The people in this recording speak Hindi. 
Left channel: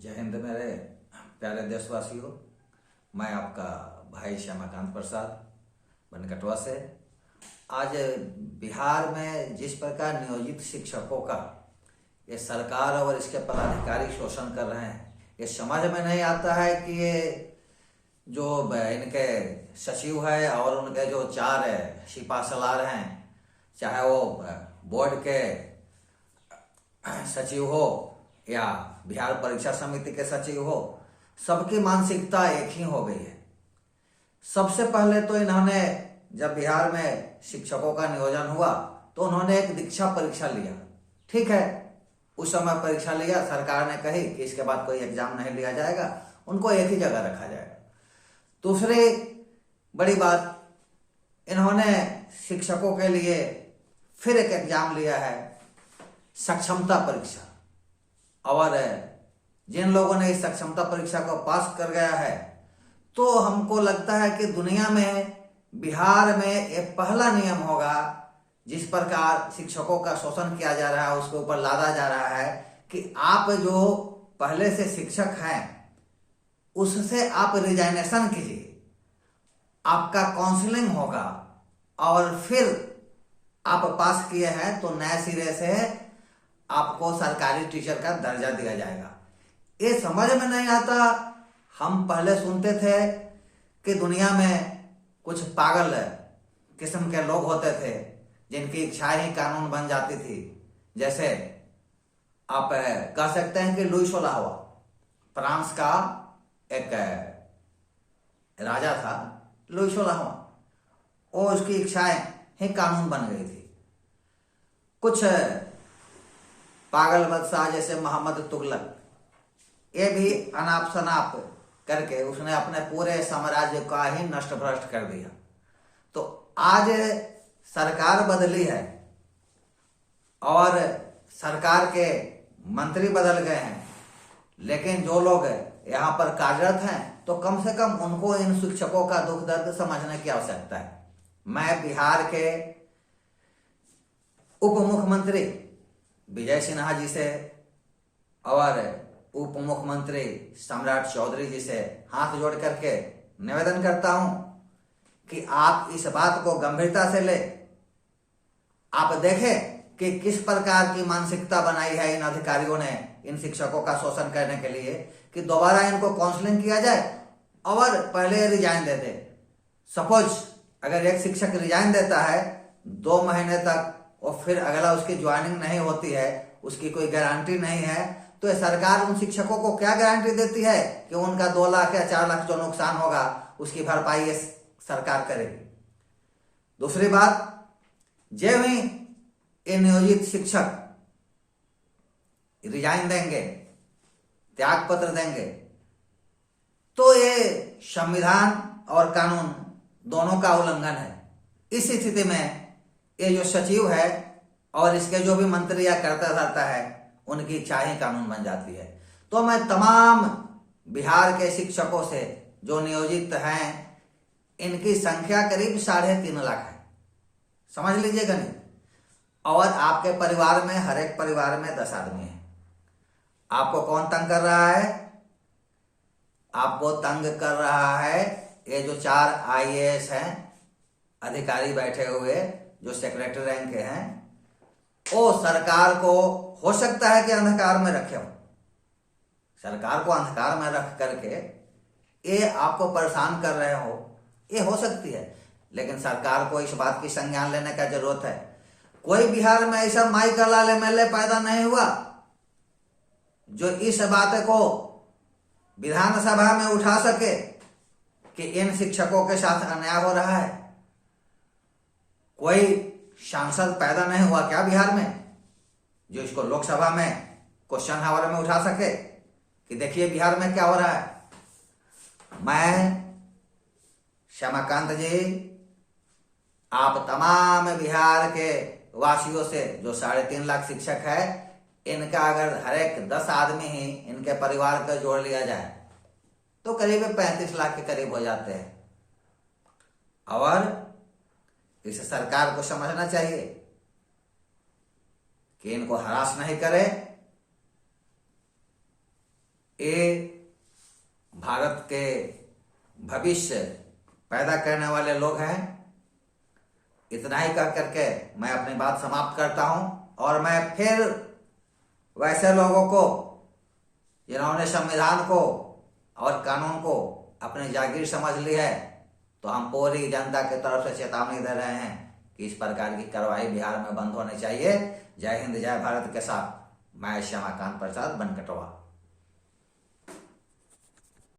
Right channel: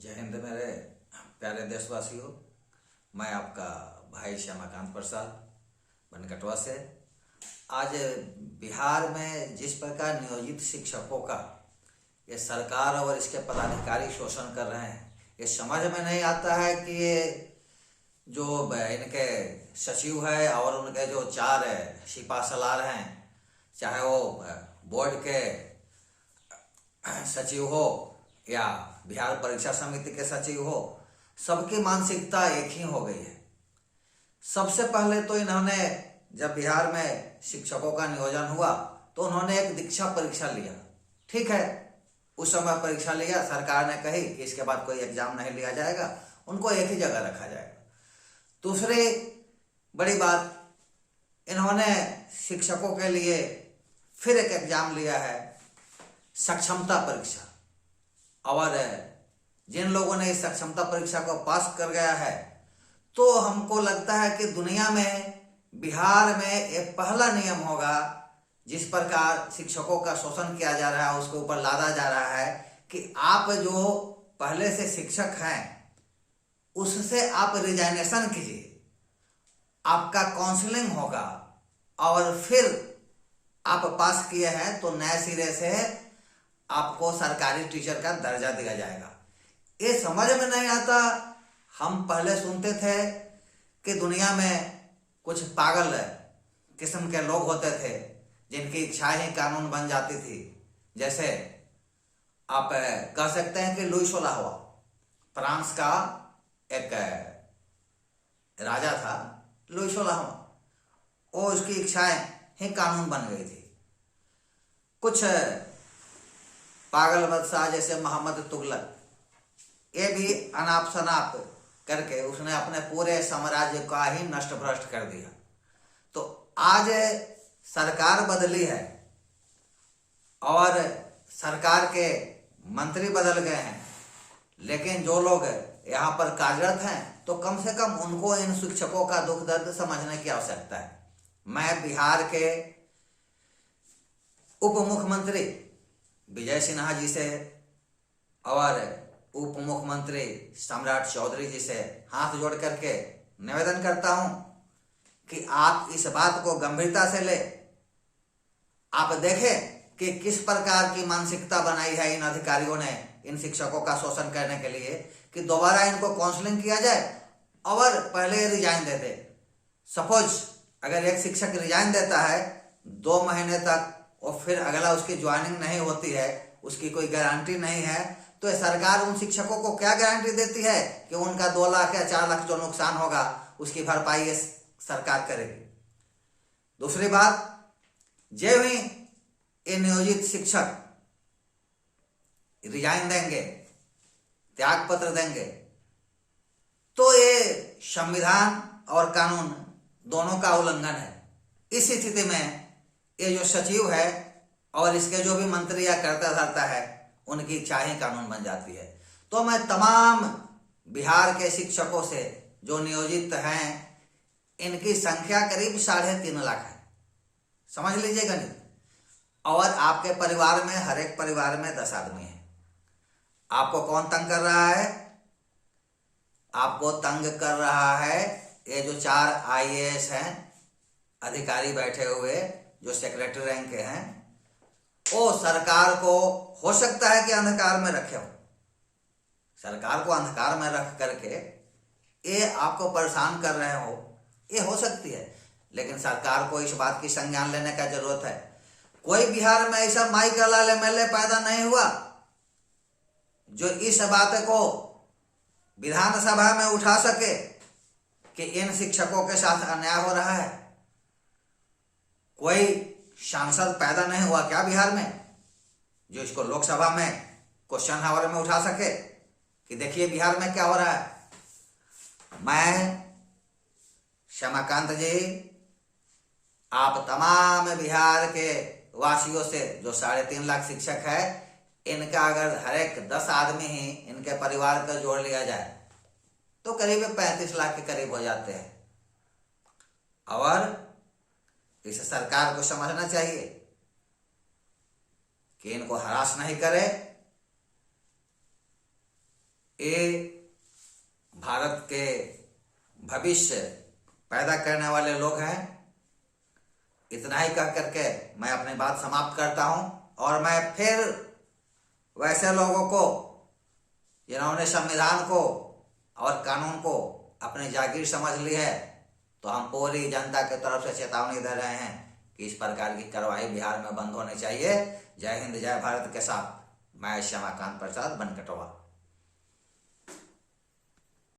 जय हिंद मेरे प्यारे देशवासियों। मैं आपका भाई श्यामाकांत प्रसाद बनकटवा से। आज बिहार में जिस प्रकार नियोजित शिक्षकों का ये सरकार और इसके पदाधिकारी शोषण कर रहे हैं, ये समझ में नहीं आता है कि ये जो इनके सचिव है और उनके जो 4 सिपा सलार हैं, चाहे वो बोर्ड के सचिव हो या बिहार परीक्षा समिति के सचिव हो, सबकी मानसिकता एक ही हो गई है। सबसे पहले तो इन्होंने जब बिहार में शिक्षकों का नियोजन हुआ तो उन्होंने एक दीक्षा परीक्षा लिया। ठीक है, उस समय परीक्षा लिया, सरकार ने कही कि इसके बाद कोई एग्जाम नहीं लिया जाएगा, उनको एक ही जगह रखा जाएगा। दूसरी बड़ी बात, इन्होंने शिक्षकों के लिए फिर एक एग्जाम लिया है, सक्षमता परीक्षा। और जिन लोगों ने इस सक्षमता परीक्षा को पास कर गया है, तो हमको लगता है कि दुनिया में बिहार में एक पहला नियम होगा जिस प्रकार शिक्षकों का शोषण किया जा रहा है, उसके ऊपर लादा जा रहा है कि आप जो पहले से शिक्षक हैं उससे आप रिजाइनेशन कीजिए, आपका काउंसलिंग होगा और फिर आप पास किए हैं तो नए सिरे से आपको सरकारी टीचर का दर्जा दिया जाएगा। ये समझ में नहीं आता। हम पहले सुनते थे कि दुनिया में कुछ पागल किस्म के लोग होते थे जिनकी इच्छाएं ही कानून बन जाती थी। जैसे आप कह सकते हैं कि लुई 16वां फ्रांस का एक राजा था, लुई 16वां, और उसकी इच्छाएं ही कानून बन गई थी। कुछ पागल बादशाह जैसे मोहम्मद तुगलक, ये भी अनाप शनाप करके उसने अपने पूरे साम्राज्य का ही नष्ट भ्रष्ट कर दिया। तो आज सरकार बदली है और सरकार के मंत्री बदल गए हैं, लेकिन जो लोग यहाँ पर कार्यरत हैं तो कम से कम उनको इन शिक्षकों का दुख दर्द समझने की आवश्यकता है। मैं बिहार के उप मुख्यमंत्री विजय सिन्हा जी से और उप मुख्यमंत्री सम्राट चौधरी जी से हाथ जोड़ करके निवेदन करता हूं कि आप इस बात को गंभीरता से ले। आप देखें कि किस प्रकार की मानसिकता बनाई है इन अधिकारियों ने इन शिक्षकों का शोषण करने के लिए कि दोबारा इनको काउंसलिंग किया जाए और पहले रिजाइन दे दे। सपोज अगर एक शिक्षक रिजाइन देता है 2 महीने तक और फिर अगला उसकी ज्वाइनिंग नहीं होती है, उसकी कोई गारंटी नहीं है, तो सरकार उन शिक्षकों को क्या गारंटी देती है कि उनका 2 लाख या 4 लाख जो नुकसान होगा उसकी भरपाई सरकार करेगी। दूसरी बात, जब ही ये नियोजित शिक्षक रिजाइन देंगे, त्याग पत्र देंगे, तो ये संविधान और कानून दोनों का उल्लंघन है। इस स्थिति में ये जो सचिव है और इसके जो भी मंत्री या करता धरता है, उनकी इच्छाएं कानून बन जाती है। तो मैं तमाम बिहार के शिक्षकों से जो नियोजित हैं, इनकी संख्या करीब 3.5 लाख है, समझ लीजिएगा नहीं। और आपके परिवार में, हर एक परिवार में 10 आदमी है। आपको कौन तंग कर रहा है? आपको तंग कर रहा है ये जो 4 IAS हैं अधिकारी बैठे हुए, जो सेक्रेटरी रैंक के हैं। वो सरकार को हो सकता है कि अंधकार में रखे हो, सरकार को अंधकार में रख करके ये आपको परेशान कर रहे हो, ये हो सकती है। लेकिन सरकार को इस बात की संज्ञान लेने का जरूरत है। कोई बिहार में ऐसा माई का लाल MLA पैदा नहीं हुआ जो इस बात को विधानसभा में उठा सके कि इन शिक्षकों के साथ अन्याय हो रहा है। कोई सांसद पैदा नहीं हुआ क्या बिहार में जो इसको लोकसभा में क्वेश्चन आवर में उठा सके कि देखिए बिहार में क्या हो रहा है। मैं श्यामाकांत जी, आप तमाम बिहार के वासियों से, जो 3.5 लाख शिक्षक है, इनका अगर हर एक 10 आदमी ही इनके परिवार पर जोड़ लिया जाए तो करीब 35 लाख के करीब हो जाते हैं। और इसे सरकार को समझना चाहिए कि इनको हरास नहीं करे, ये भारत के भविष्य पैदा करने वाले लोग हैं। इतना ही कह करके मैं अपनी बात समाप्त करता हूं। और मैं फिर वैसे लोगों को जिन्होंने संविधान को और कानून को अपनी जागीर समझ ली है, तो हम पूरी जनता की तरफ से चेतावनी दे रहे हैं कि इस प्रकार की कार्रवाई बिहार में बंद होनी चाहिए। जय हिंद, जय भारत के साथ मैं श्यामाकांत प्रसाद बनकटवा।